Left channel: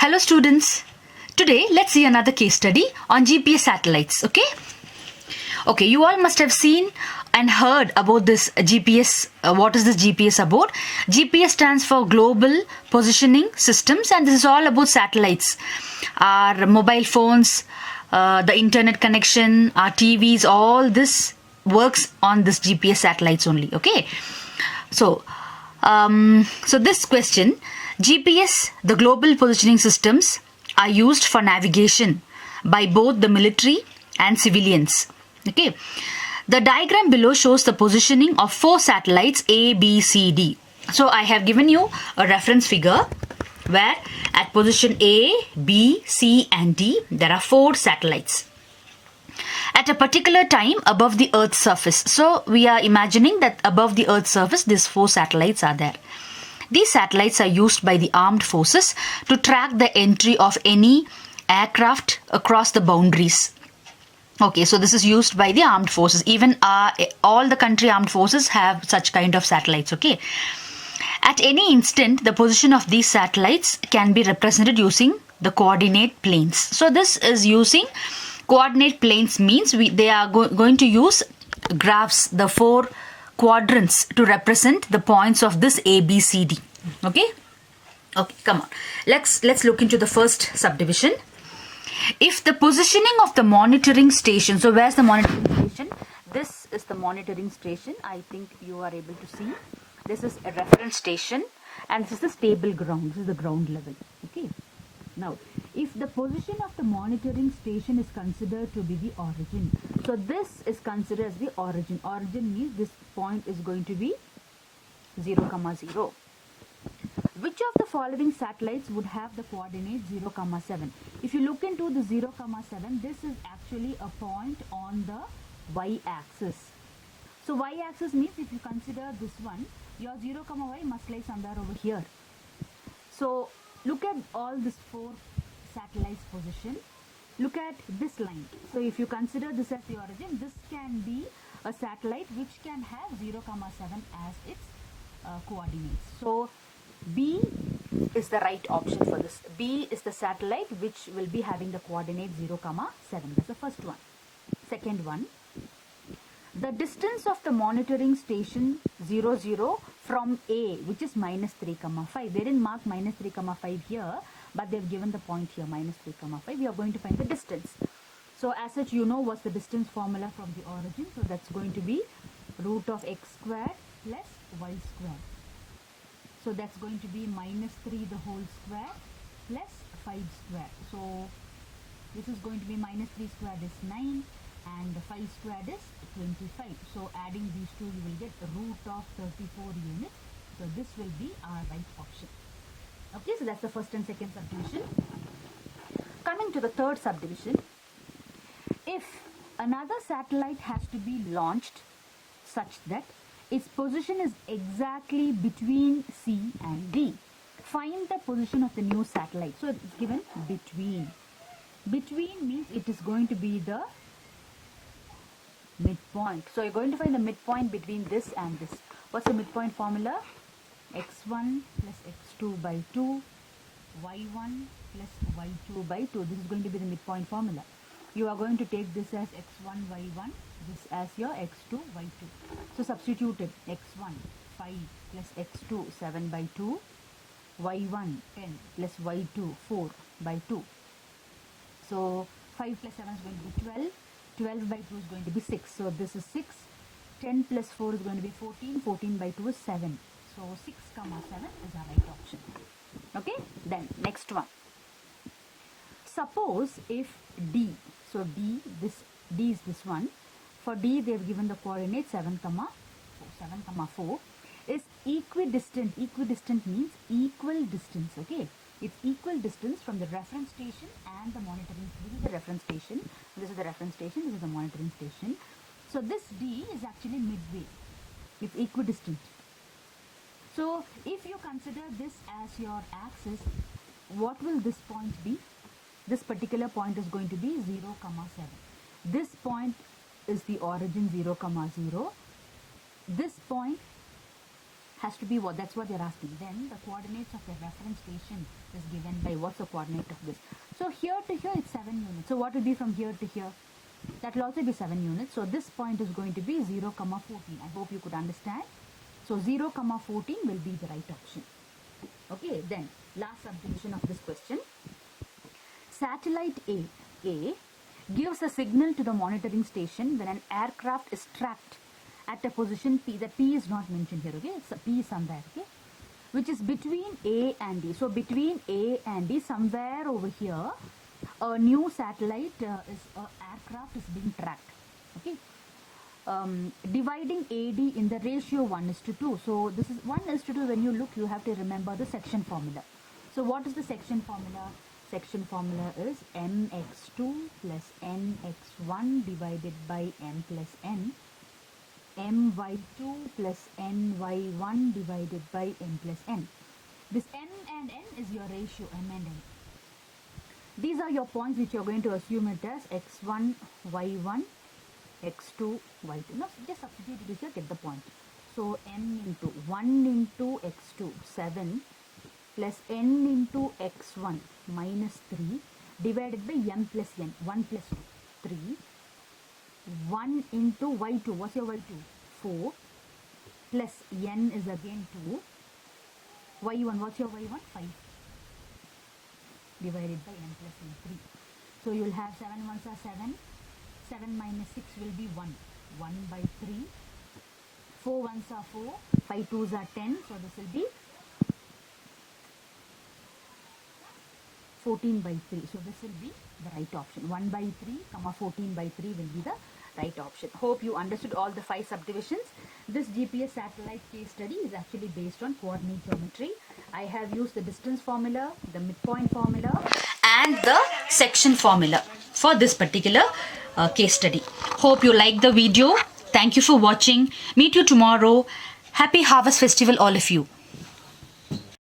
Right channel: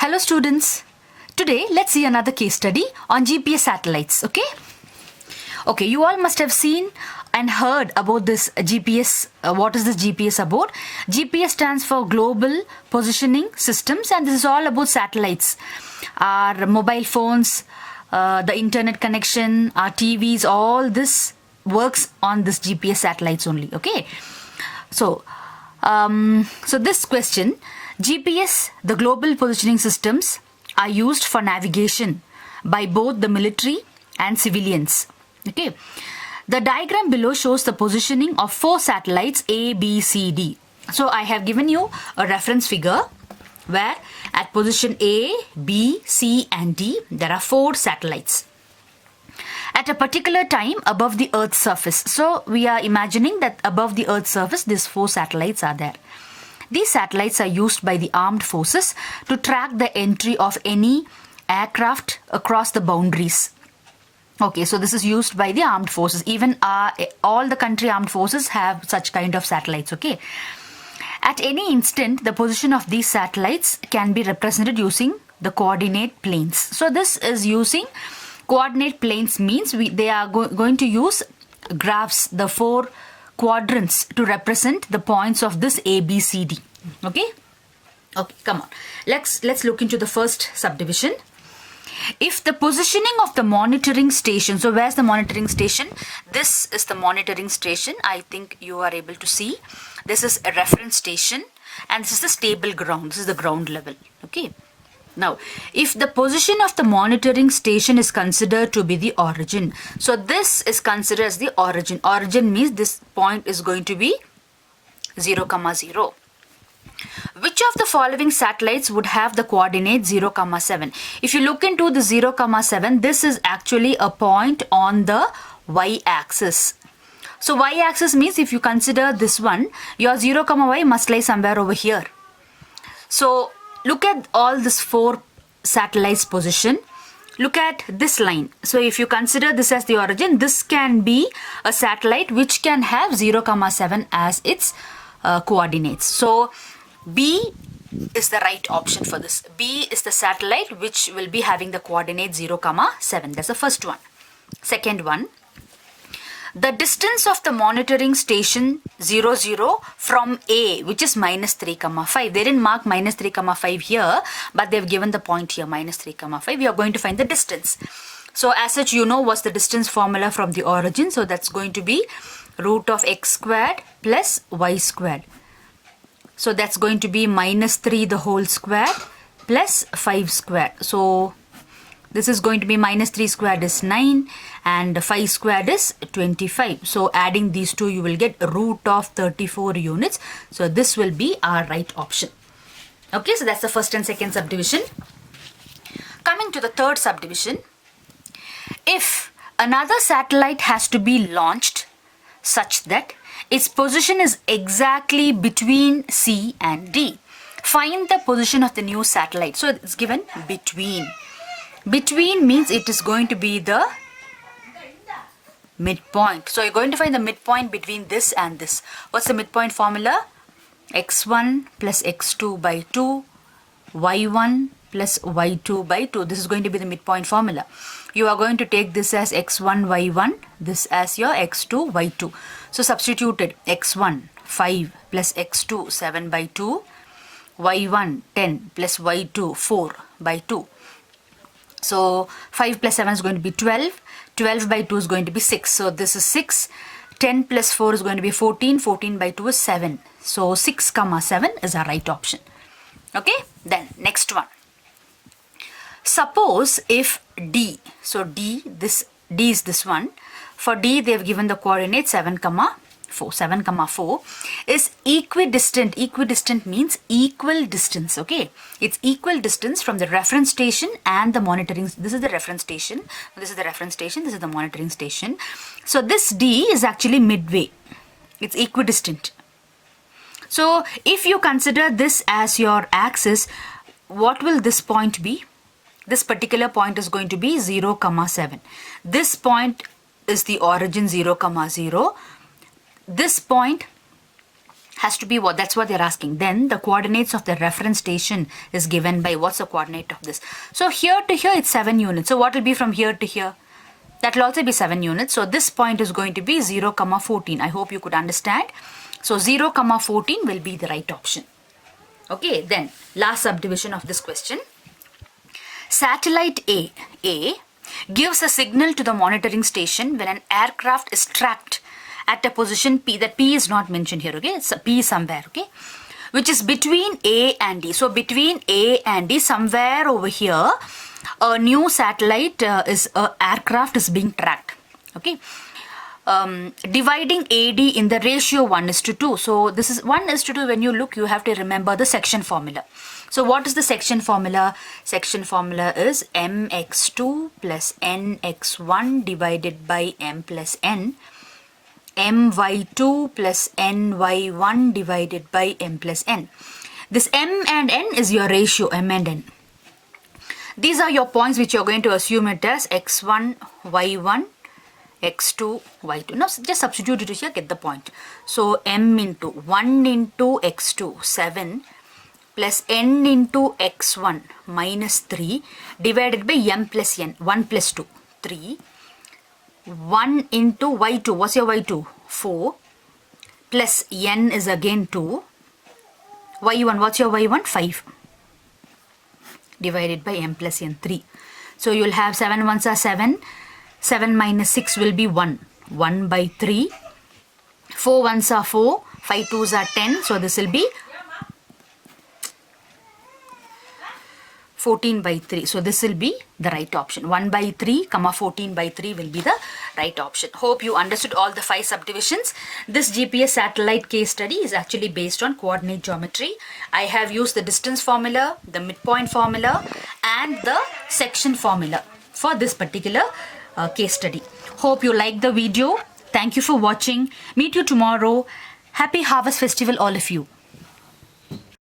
Hello students. Today let's see another case study on GPS satellites. Okay, you all must have seen and heard about this GPS. What is this GPS about? GPS stands for Global Positioning Systems, and this is all about satellites. Our mobile phones, the internet connection, our TVs, all this works on this GPS satellites only. Okay, so this question, GPS, the global positioning systems, are used for navigation by both the military and civilians. Okay, the diagram below shows the positioning of 4 satellites A, B, C, D. So I have given you a reference figure where at position A, B, C and D there are 4 satellites at a particular time above the Earth's surface. So we are imagining that above the Earth's surface these 4 satellites are there. These satellites are used by the armed forces to track the entry of any aircraft across the boundaries. Okay, so this is used by the armed forces. Even all the country armed forces have such kind of satellites. Okay. At any instant, the position of these satellites can be represented using the coordinate planes. So this is using coordinate planes means they are going to use graphs, the 4 quadrants to represent the points of this A, B, C, D. Okay, come on. Let's look into the first subdivision. If the positioning of the monitoring station, so where's the monitoring station? This is the monitoring station. I think you are able to see. This is a reference station and this is the stable ground. This is the ground level. Okay. Now, if the position of the monitoring station is considered to be the origin, so this is considered as the origin. Origin means this point is going to be 0, 0. Which of the following satellites would have the coordinate 0, 7? If you look into the 0, 7, this is actually a point on the y-axis. So y-axis means if you consider this one, your 0, y must lie somewhere over here. So look at all these 4 satellites position. Look at this line. So if you consider this as the origin, this can be a satellite which can have 0, 7 as its coordinates. So B is the right option for this. B is the satellite which will be having the coordinate 0, 7. That's the first one. Second one, the distance of the monitoring station 0, from A, which is -3, 5. They didn't mark -3, 5 here, but they've given the point here, -3, 5. We are going to find the distance. So as such, you know what's the distance formula from the origin. So that's going to be root of x squared plus y squared. So that's going to be -3 the whole square plus 5 squared. So this is going to be -3 squared is 9 and 5 squared is 25. So adding these two you will get root of 34 units. So this will be our right option. Okay, so that's the first and second subdivision. Coming to the third subdivision. If another satellite has to be launched such that its position is exactly between C and D, find the position of the new satellite. So it's given between. Between means it is going to be the midpoint. So you're going to find the midpoint between this and this. What's the midpoint formula? x1 plus x2 by 2, y1 plus y2 by 2. This is going to be the midpoint formula. You are going to take this as x1, y1, this as your x2, y2. So substituted x1, 5 plus x2, 7 by 2, y1, 10 plus y2, 4 by 2. So 5 plus 7 is going to be 12. 12 by 2 is going to be 6. So this is 6. 10 plus 4 is going to be 14. 14 by 2 is 7. So 6, 7 is our right option. Okay. Then next one. Suppose if D, so D is this one. For D they have given the coordinate 7, 4. 7, 4 is equidistant. Equidistant means equal distance. Okay, it's equal distance from the reference station and the monitoring. This is the reference station. This is the reference station. This is the monitoring station. So this D is actually midway. It's equidistant. So if you consider this as your axis, what will this point be? This particular point is going to be 0, 7. This point is the origin 0, 0. This point has to be what? That's what they're asking. Then the coordinates of the reference station is given by what's the coordinate of this? So here to here it's 7 units. So what will be from here to here? That will also be 7 units. So this point is going to be 0, 14. I hope you could understand. So 0, 14 will be the right option. Okay, then last subdivision of this question. Satellite A gives a signal to the monitoring station when an aircraft is tracked at a position P. That P is not mentioned here, okay? It's P somewhere, okay? Which is between A and D. So between A and D, somewhere over here, a new satellite aircraft is being tracked, okay? Dividing AD in the ratio 1:2. So this is 1:2. When you look, you have to remember the section formula. So what is the section formula? Section formula is mx2 plus nx1 divided by m plus n, my2 plus ny1 divided by m plus n. This m and n is your ratio, m and n. These are your points which you're going to assume it as x1, y1, x2, y2. Now just substitute it here, get the point. So m into 1 into x2, 7, plus n into x1 minus 3 divided by m plus n, 1 plus 2, 3. 1 into y2, what's your y2? 4, plus n is again 2. y1, what's your y1? 5. Divided by m plus n, 3. So you'll have 7 ones are 7. 7 minus 6 will be 1. 1 by 3. 4 ones are 4. 5 twos are 10. So this will be 14 by 3. So this will be the right option. 1 by 3, 14 by 3 will be the right option. Hope you understood all the 5 subdivisions. This GPS satellite case study is actually based on coordinate geometry. I have used the distance formula, the midpoint formula, and the section formula for this particular case study. Hope you liked the video. Thank you for watching. Meet you tomorrow. Happy Harvest Festival, all of you.